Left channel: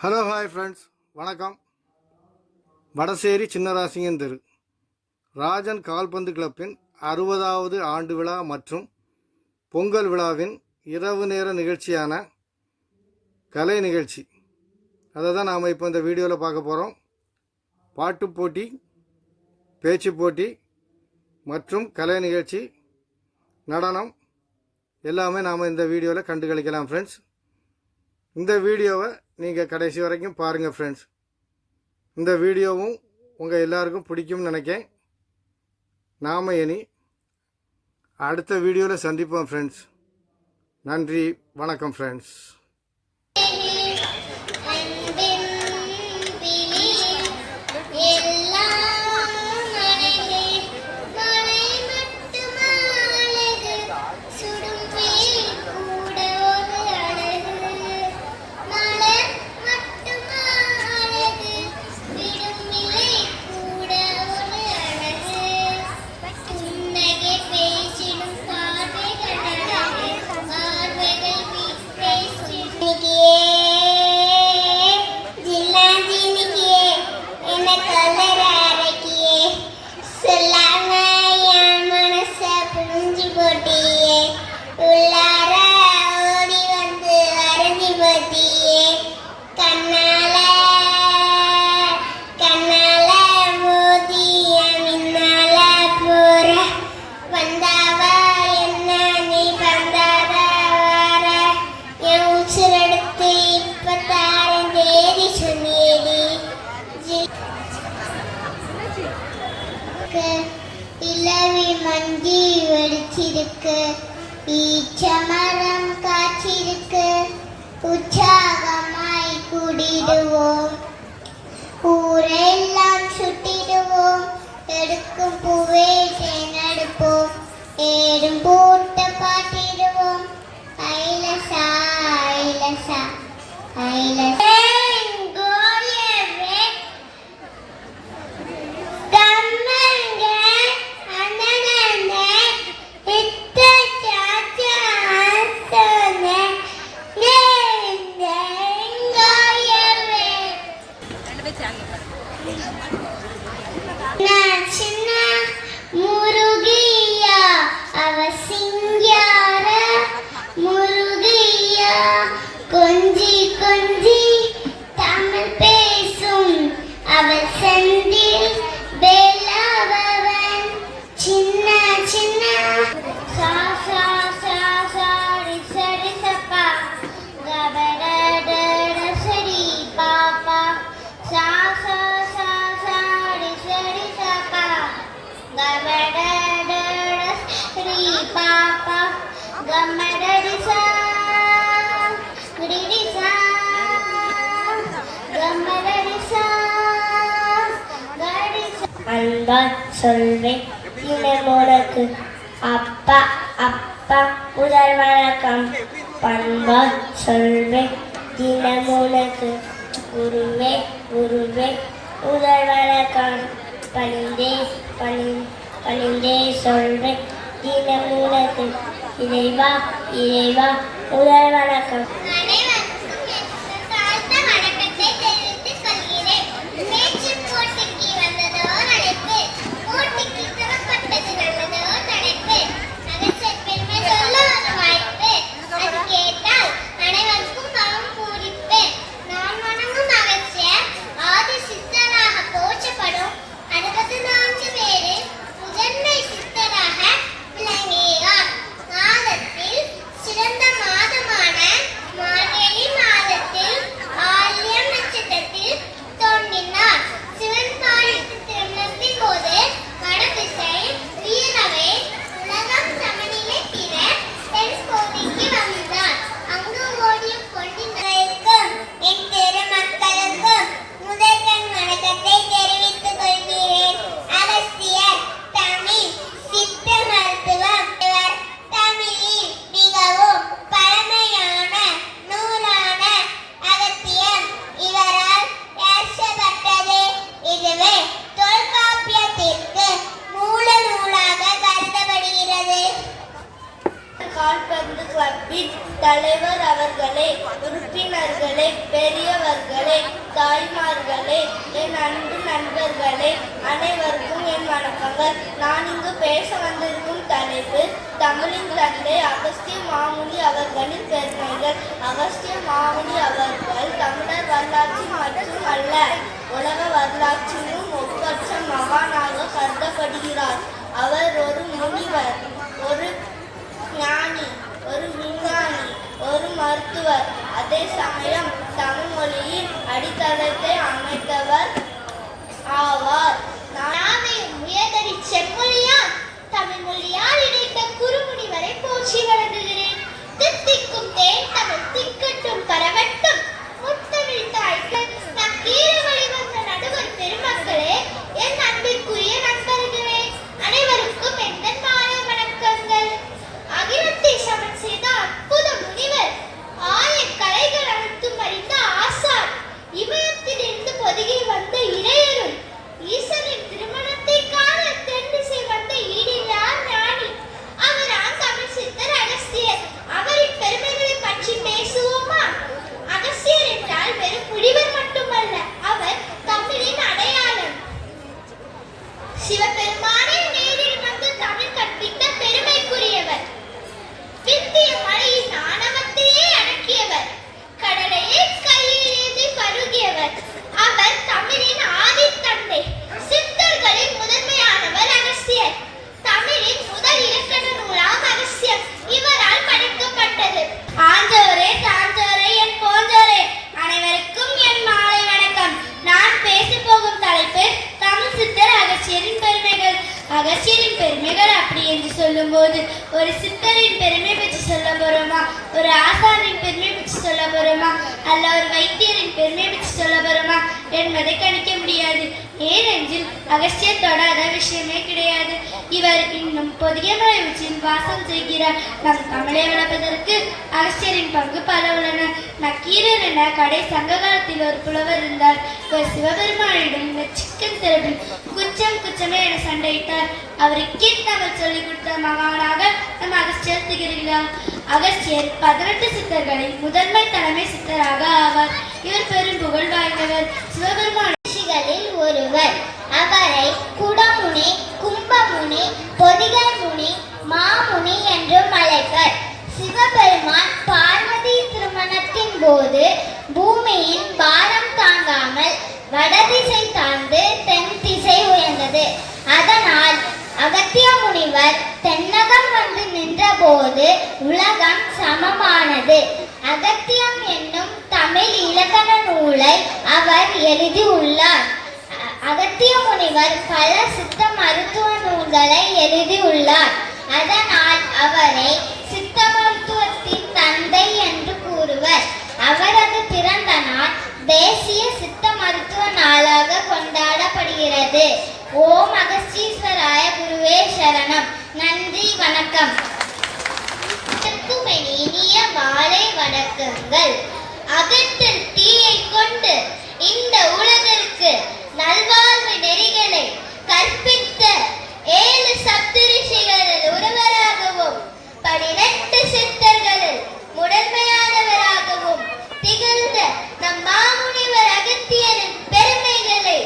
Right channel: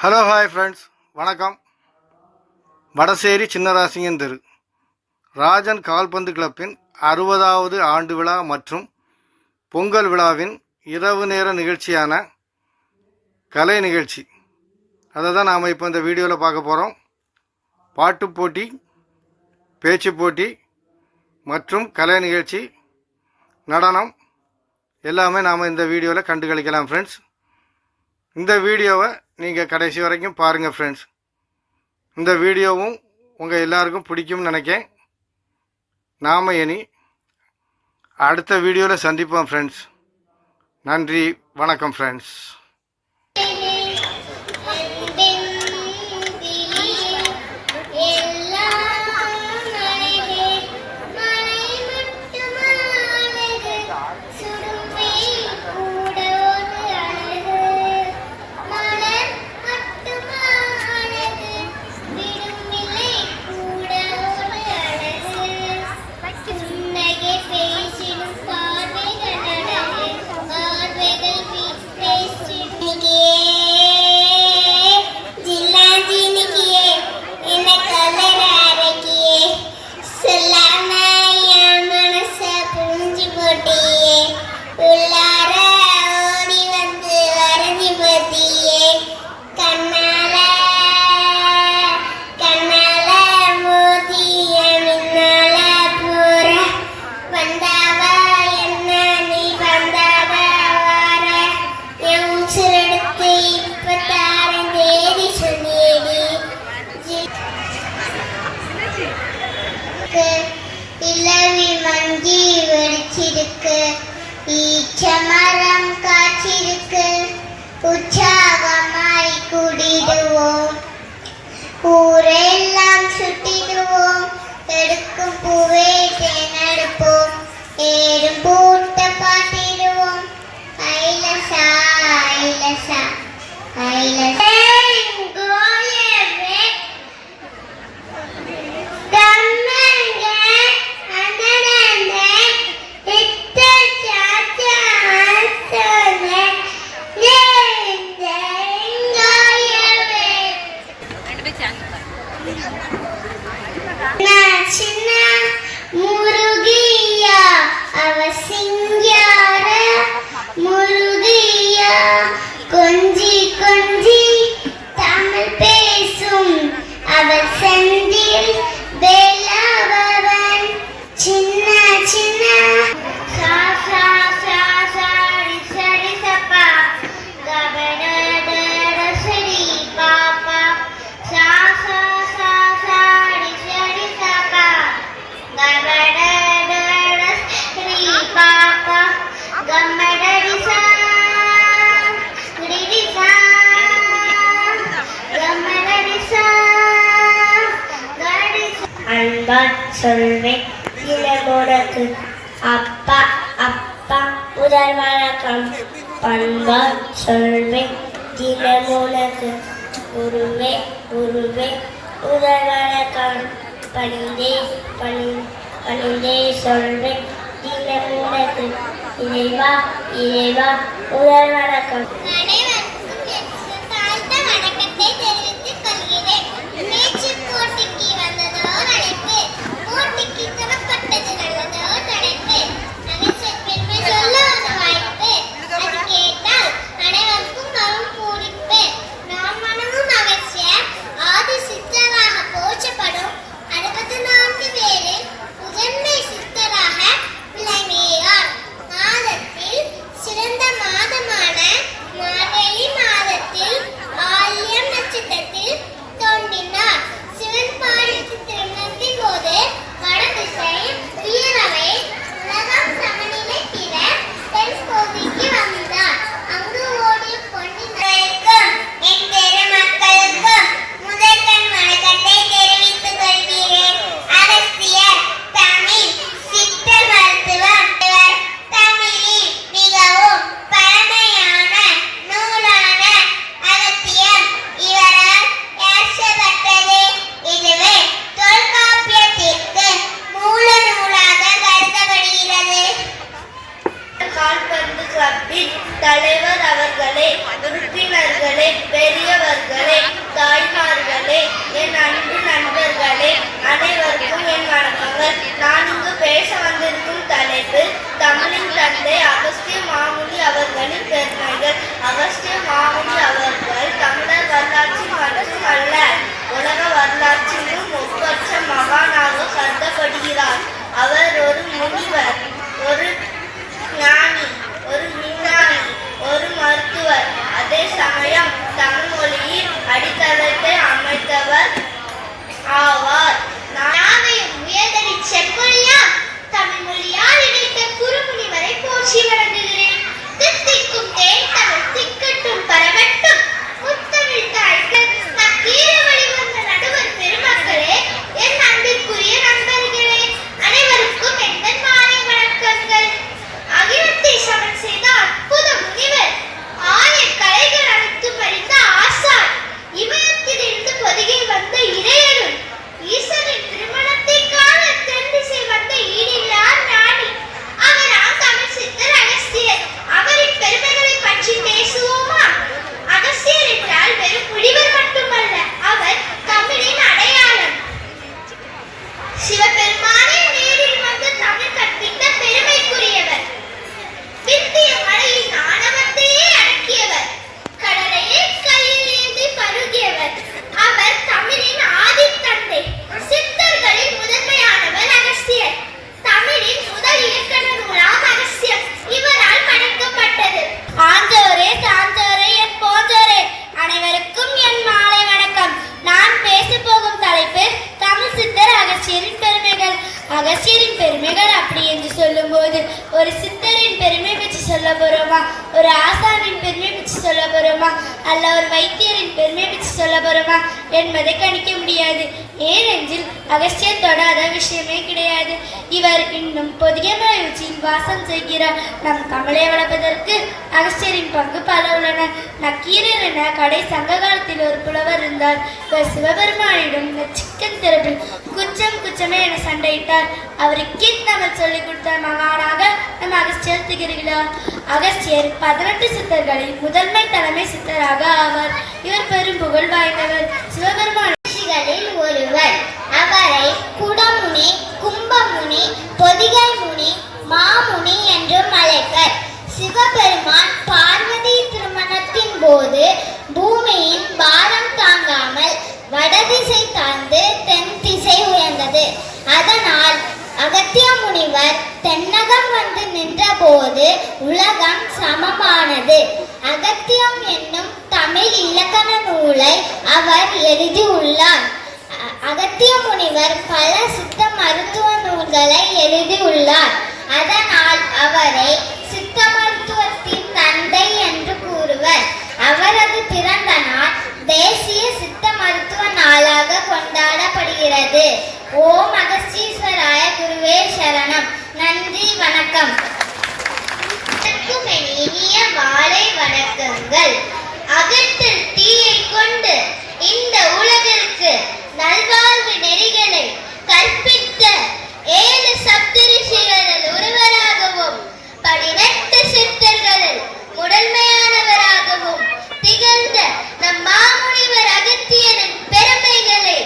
Hello hi friends, வணக்கம். வடசேரி சின்னராசிங்கன் தெரு ராஜன் கால்பந்து கிளப்பின் 60வது ஆண்டு விழா மற்றும் பொங்கல் விழாவின் இரவு நேர நிகழ்ச்சியான கலை நிகழ்ச்சி. அதை தான் நாம் இப்போ இந்த வீடியோவில் பார்க்க போகிறோம். பாட்டு போட்டி, பேச்சு போட்டி மற்றும் கலை நிகழ்ச்சி, நடனம் எல்லாமே நாம் இந்த வீடியோவில் கண்டு களிக்கலாம் ஃப்ரெண்ட்ஸ். இந்த வீடியோவை நீங்கள் கடைசி வரைக்கும் பாருங்கள் ஃப்ரெண்ட்ஸ். இந்த வீடியோவும் உங்கள் எல்லாருக்கும் பிடிக்கும்னு நினைக்கிறேன். நாம் இனி அடுத்த வீடியோவில் சந்திப்போம் ஃப்ரெண்ட்ஸ். நன்றி, வணக்கம் ஃப்ரெண்ட்ஸ். இளவி மஞ்சி வெடிச்சிருக்கு, ஈச்சமரம் காய்ச்சிருக்கு, உற்சாகமாய் கூடிடுவோம், ஊரெல்லாம் சுட்டிடுவோம், எடுக்கும் பூவே தேனெடுப்போம், ஏறும் பூட்ட பாட்டிடுவோம், ஐலசா ஐலசா ஐலசா. சின்ன முருகியா அவ சிங்கார முருகியா, கொஞ்சி கொஞ்சி தமிழ் பேசும் அவள் செந்தில் வேலாவன். சின்ன சின்ன சா சா சா சாரி சரி சப்பா கபட சரி பாப்பா சா சா சா சாரி சரி சப்பா கபட சரி பாப்பா கம்மடடி சா குடிடி சா கம்மடடி சா கடி சா. அன்பா சொல்வேன் இளமோனக்கு அப்பா அப்பா முதல் வணக்கம். பண்பா சொல்வேன் தினமுனக்கு குருவே குருவே முதல் வணக்கம். பணிந்தே பணிந்தே சொல்வேன் தினமுனக்கு இறைவா இறைவா முதல் வணக்கம். சிறந்த மாதமான பெரியவர்களே, தாய்மார்களே, என் அன்பு நண்பர்களே, அனைவருக்கும் என் வணக்கங்கள். நான் இங்கு பேச வந்திருக்கும் தலைப்பு தமிழின் தந்தை அகஸ்திய மாமுனி அவர்களின் பெருமைகள். அகஸ்திய மாமுனி அவர்கள் தமிழர் வரலாற்றில் மட்டுமல்ல, உலக வரலாற்றிலும் ஒப்பற்ற மகானாக கருதப்படுகிறார். அவர் ஒரு முனிவர், ஒரு ஞானி, ஒரு விஞ்ஞானி, ஒரு மருத்துவர், அதே சமயம் தமிழ் மொழியின் அடித்தளத்தை அமைத்தவர் ஆவார். நாவையும் உயர்தடி செம்மொழியால் தமிழ் மொழியால் இணைத்த குறுமுனிவரை போற்றி வழங்குகிறேன். தித்திக்கும் தேன் தமிழ் திக்கட்டும் பரவட்டும், முத்தமிழ் தாய்கள் நக்கீர வழிவந்த நடுவர் பெருமக்களே, என் அன்பிற்குரிய நண்பர்களே, அனைவருக்கும் எந்த மாலை வணக்கங்கள். அகிலத்தை சமன் செய்த அற்புத முனிவர், ஆயக்கலைகள் அனைத்தும் அறிந்த ஆசான், இமயத்தில் இருந்து பொதிகை வந்த இறையருள், ஈசனின் திருமணத்தை காண தென் திசை வந்த ஈடில்லா ஞானி, அவராம் தமிழ் சித்தர் அகஸ்தியர். அவரின் பெருமைகளை பற்றி பேசுவோமா? அகஸ்தியர் என்றால் வெறும் புலிவர் மட்டுமல்ல, அவர் தமிழின் அடையாளம். சிவபெருமானே நேரில் வந்து தமிழ் கற்பித்த பெருமைக்குரியவர். வித்திய மலையின் ஆணவத்தையே அடக்கியவர், கடலையே கையில் ஏந்தி பருகியவர். அவர் தமிழின் ஆதித்தந்தை, சித்தர்களின் முதன்மையானவர் அகஸ்தியர். தமிழின் முதல் இலக்கண நூலாம் அகஸ்தியம் இவரால் படைக்கப்பட்டது. ஆஞ்சோரே சான்றோரே என் போன்றோரே, அனைவருக்கும் என் மாலை வணக்கம். நான் பேச போகும் தலைப்பு தமிழ் சித்தர் அகஸ்தியரின் பெருமைகள். அகஸ்தியரின் பெருமைகள் அப்படி என்று சொல்லும்போது ஒரு சித்தரின் பெருமை பற்றி சொல்ல போறோமா, ஒரு ஆசானின் பெருமை பற்றி சொல்ல போறோமா, அல்ல ஒரு வைத்தியரின் பெருமை பற்றி சொல்ல போறோமா என்பதை கணிக்க முடியாது. ஏனென்றில் அகஸ்தியர் தொடாத விஷயமே கிடையாது. இவர் இன்னும் பொதிகை உச்சியில் வாசம் செய்கிறார். நம் தமிழை வளர்ப்பதற்கு அகஸ்தியரின் பங்கு பல உள்ளன. நக்கீரர் என கடை சங்க காலத்தில் ஒரு புலவர் இருந்தார். இவர் சிவபெருமானிடம் சிக்கன் திறப்பில் குச்சம் குச்சமே என சண்டையிட்டார். அவருக்கு தமிழ் சொல்லிக் கொடுத்த மகானாக நம் அகஸ்தியர் திகழ்கிறார். அகஸ்தியர் 18 சித்தர்களில் முதன்மை தலைமை சித்தராக ஆவார். இவர் பெரும் புகழ் வாய்ந்தவர். சிவபெருமான் ஒருவர். அவரை குடமுனி, கும்பமுனி, பொதிகை முனி, மாமுனி என்றும் அழைப்பர். சிவபெருமான் பார்வதி திருமணத்தின் போது பூமியின் பாரம் தாங்காமல் வடதிசை தாழ்ந்து தென் திசை உயர்ந்தது. அதனால் அகத்திய முனிவர் தென்னகம் வந்து நின்றபோது உலகம் சமமானது. அகத்தியம் என்னும் தமிழ் இலக்கண நூலை அவர் எழுதியுள்ளார். அகத்திய முனிவர் பல சித்த மருத்துவ நூல்களை எழுதியுள்ளார். அதனால் அவரை சித்த மருத்துவத்தின் தந்தை என்று கூறுவர். அவரது பிறந்த நாள் தேசிய சித்த மருத்துவ நாளாக கொண்டாடப்படுகிறது. ஓம் அகஸ்தீஸ்வராய குருவே சரணம். நன்றி, வணக்கம். இனிய மாலை வணக்கங்கள். அகத்தில் தீயை கொண்டு இந்த உலகிற்கு நல்வாழ்வு நெறிகளை கற்பித்த 7 சப்தரிஷிகளில் ஒருவராகவும் 18 சித்தர்களில் முதன்மையானவராகவும் திகழ்ந்த நம் மாமுனிவர் அகத்தியரின் பெருமைகளை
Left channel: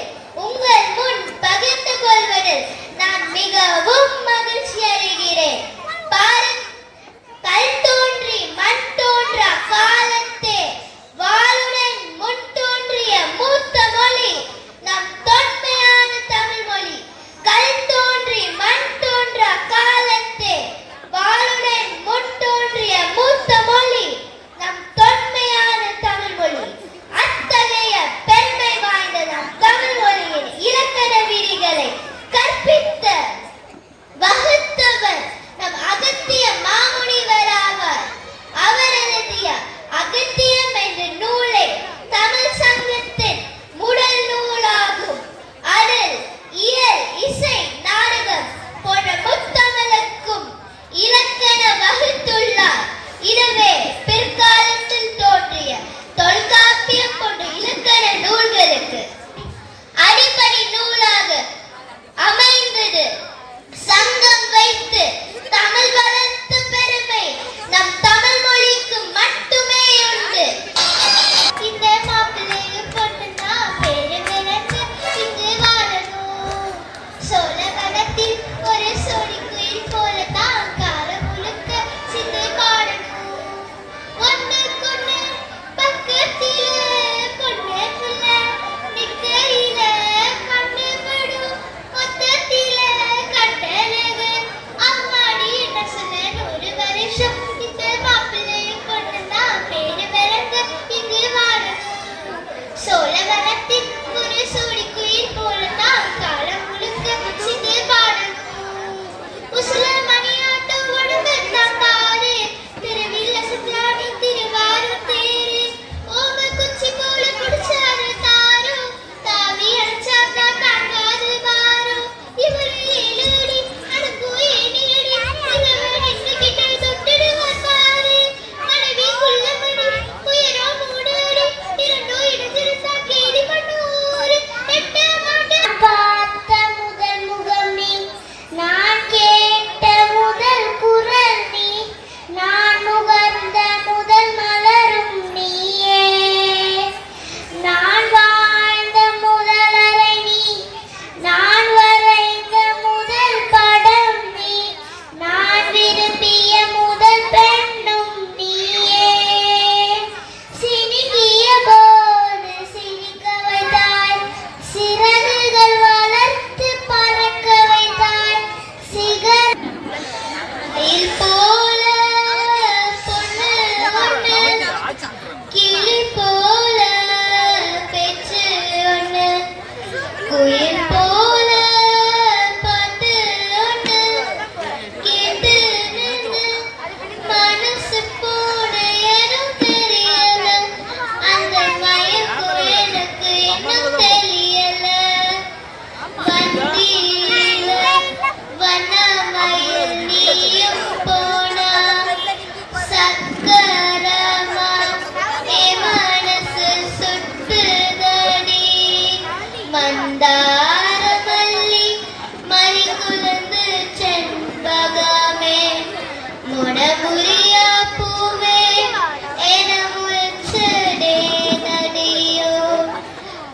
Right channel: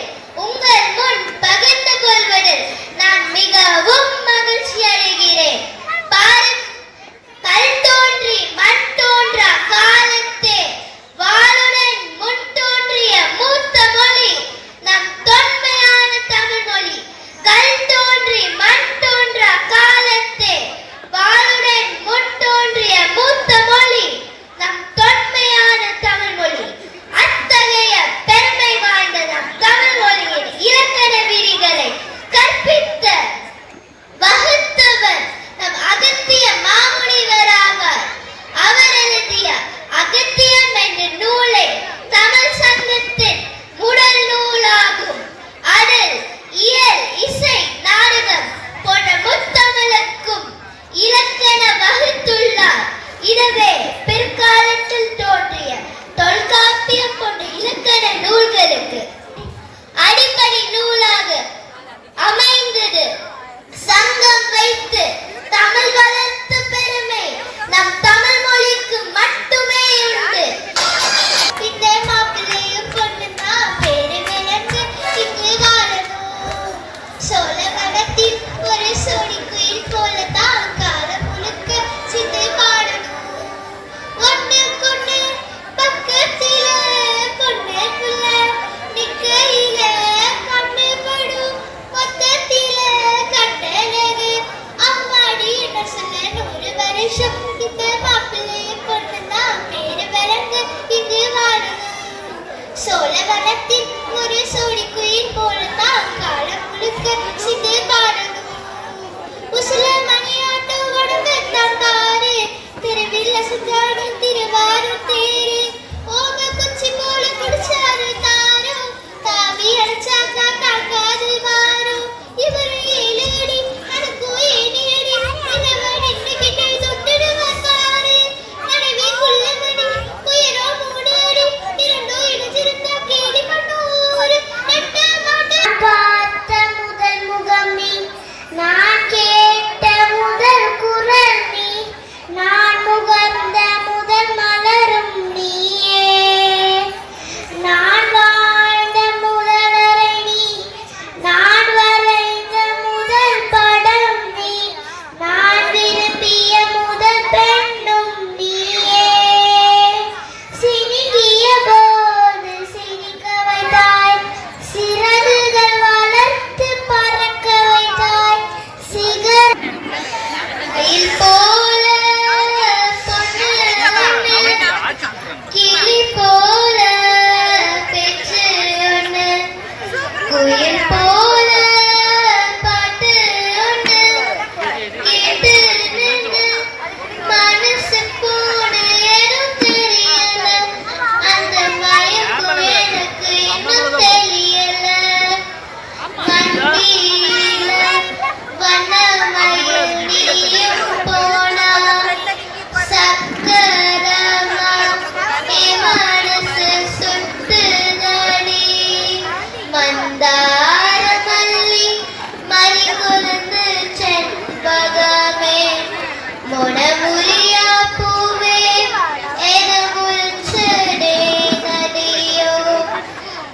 உங்கள் முன் பகிர்ந்து கொள்வதில் நான் மிகவும் மகிழ்ச்சி அடைகிறேன். கல் தோன்றி மண் தோன்றா காலத்தே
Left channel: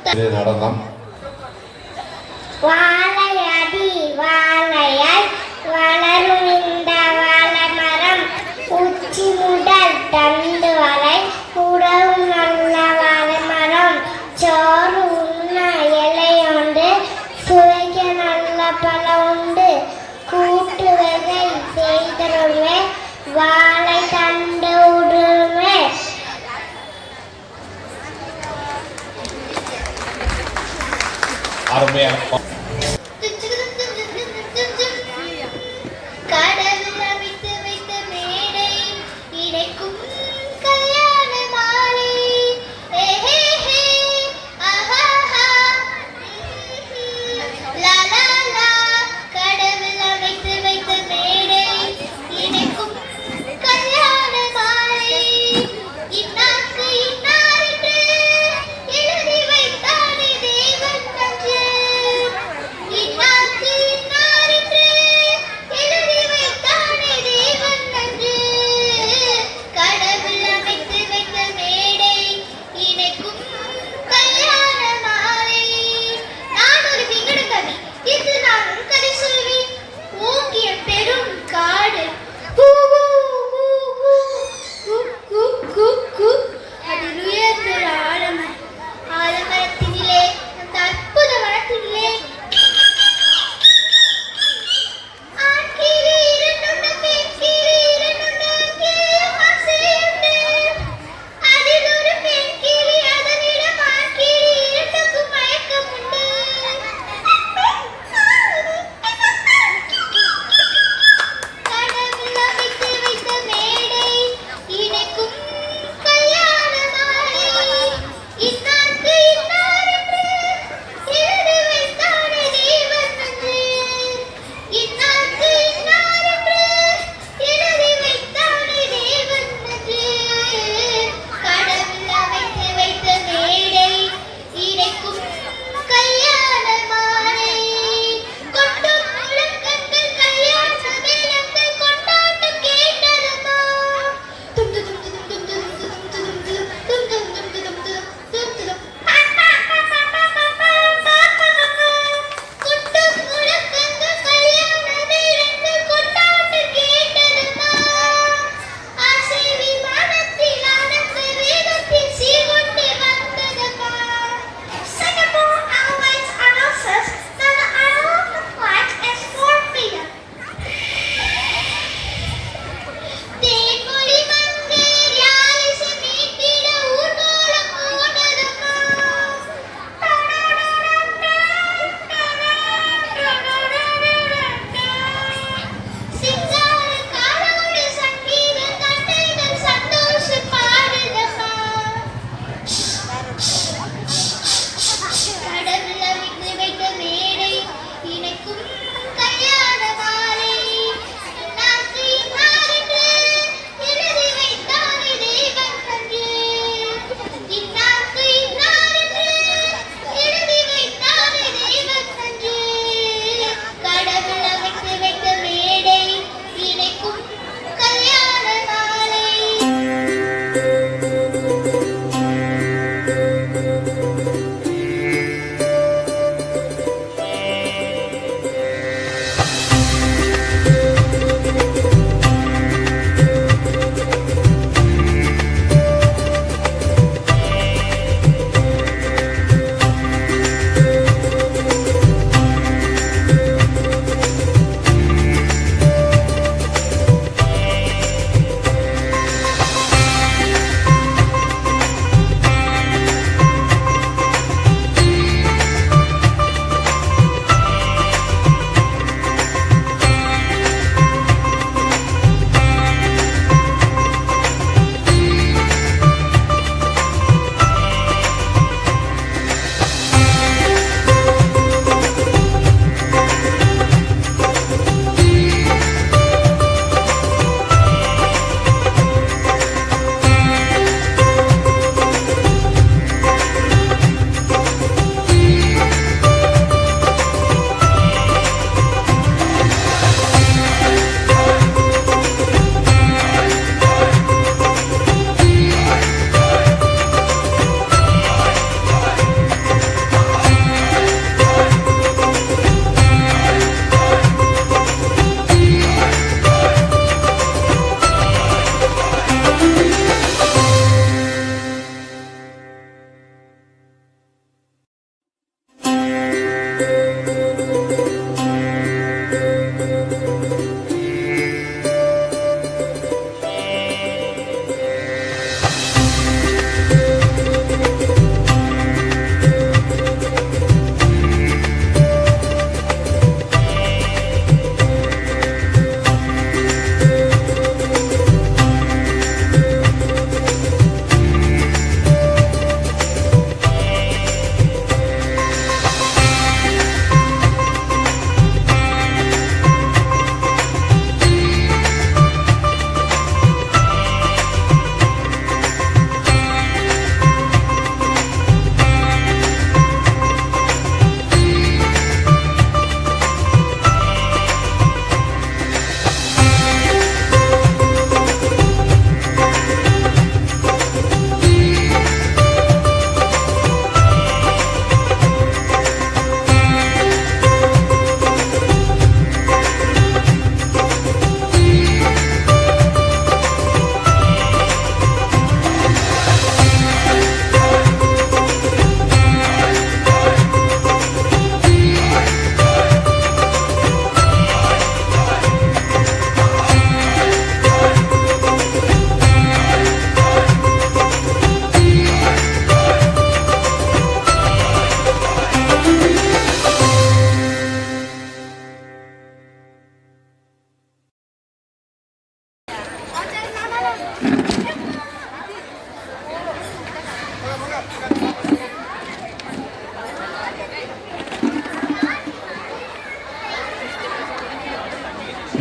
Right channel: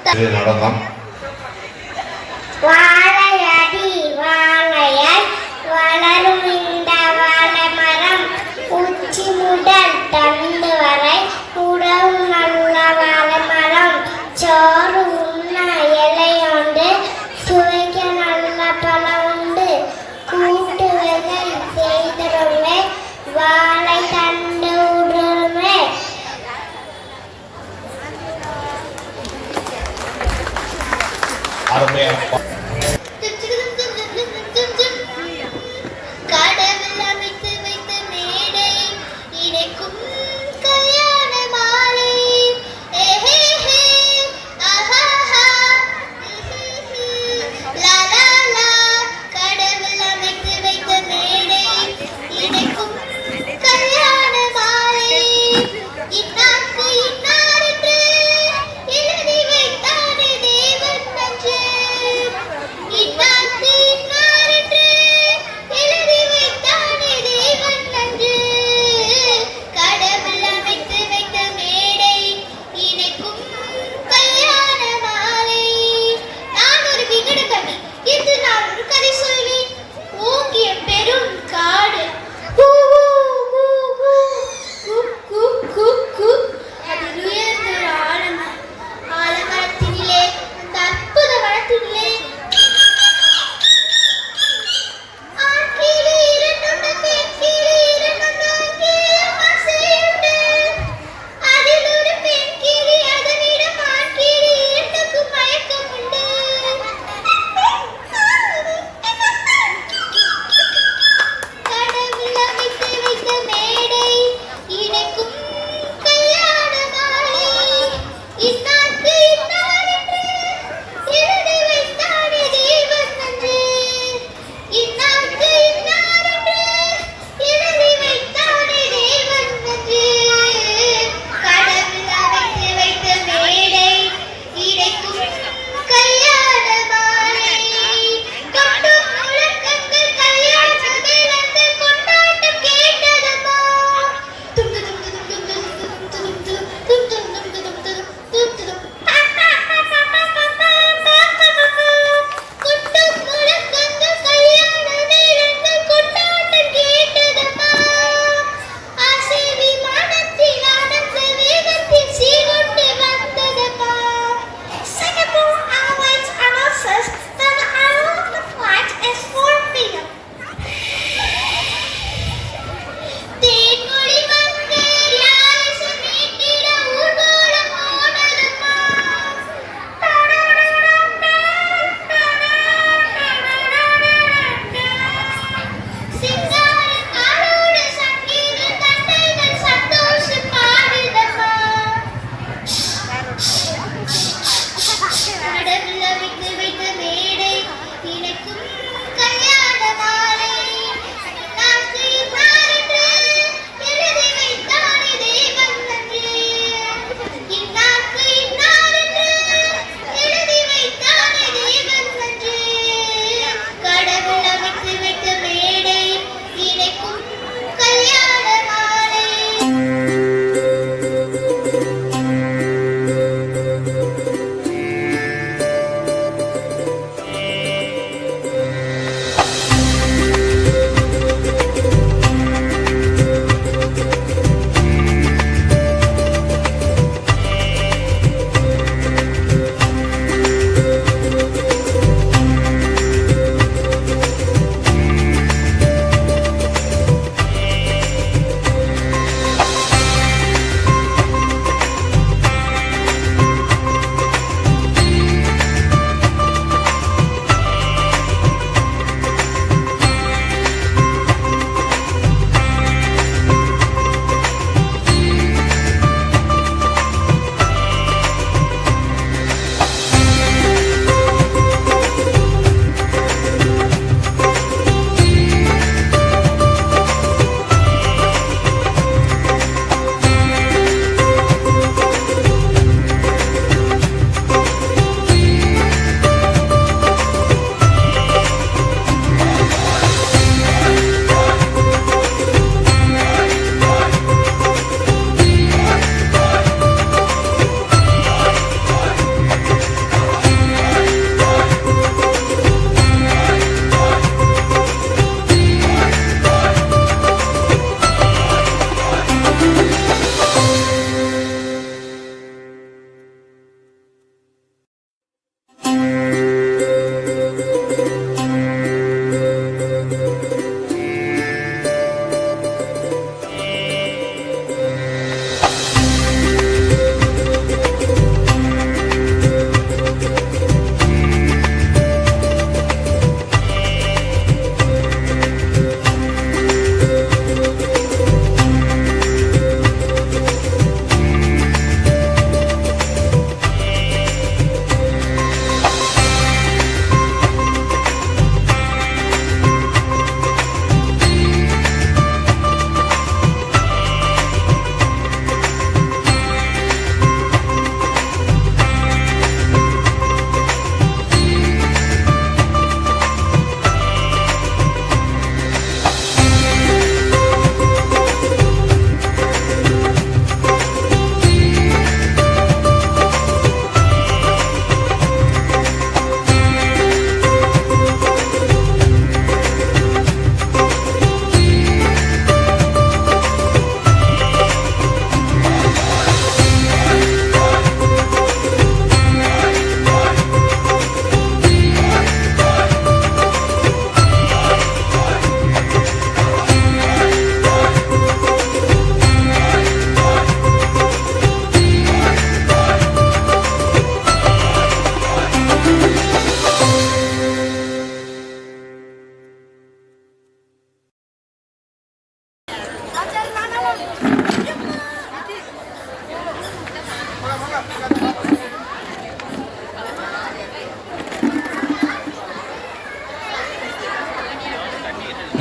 நடனம். வாழையடி வாழையாய் வளரும் இந்த வாழைமரம் உச்சி முதல் தண்டு வரை உறவு நல்ல வாழைமரம் சோறு உண்ண இலையுண்டு சுவைக்க நல்ல பழம் உண்டு கூட்டு வேலை செய்தருமே வாழை தண்டு உடுமே. அருமையா கடவுள் அமைத்து வைத்த மேடை இடைக்கும் கல்யாண மாலை கடவுள் அமைத்து வைத்த மேடை இடைக்கும் கல்யாண மாலை இன்னார்க்கு இன்னார் என்று எழுதி வைத்தானே தேவன் நன்று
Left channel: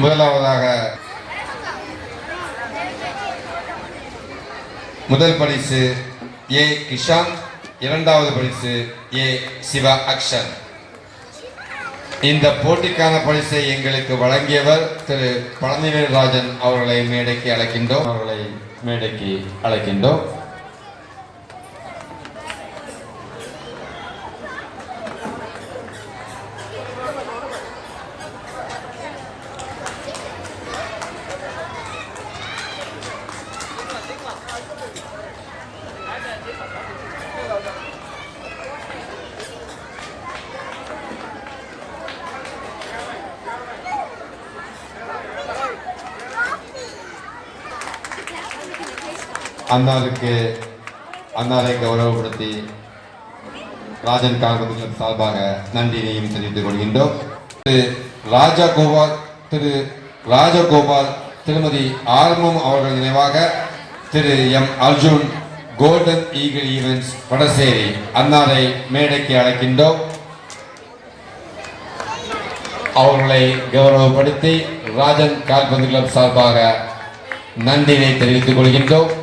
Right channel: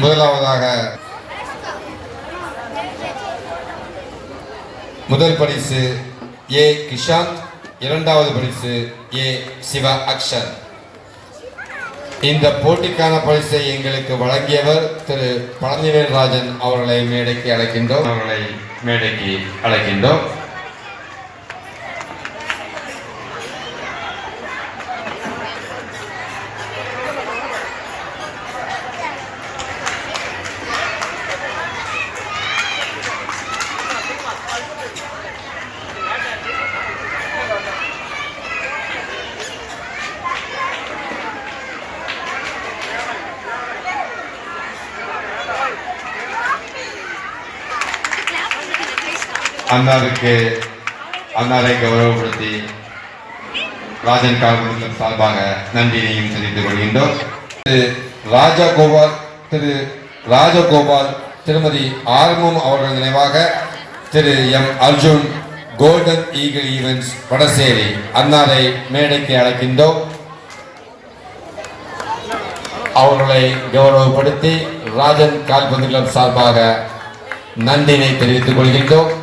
முதலாவதாக முதல் பரிசு ஏ கிஷாந்த், இரண்டாவது பரிசு ஏ சிவா அக்ஷன். இந்த போட்டிக்கான பரிசை எங்களுக்கு வழங்கியவர் திரு பழனிவேல் ராஜன் அவர்களை மேடைக்கு அழைக்கின்றோம். அன்னாரை கௌரவப்படுத்தி ராஜன் கால்பந்து சார்பாக நன்றியையும் தெரிவித்துக் கொள்கின்றோம். திரு ராஜகோபால் திருமதி ஆர்வம் அவர்கள் நினைவாக திரு M Arjun golden eagle events Vadasery அன்னாரை மேடைக்கு அழைக்கின்றோம். அவர்களை கௌரவப்படுத்தி ராஜன் கால்பந்து கிளப் சார்பாக நன்றியை தெரிவித்துக் கொள்கின்றோம்.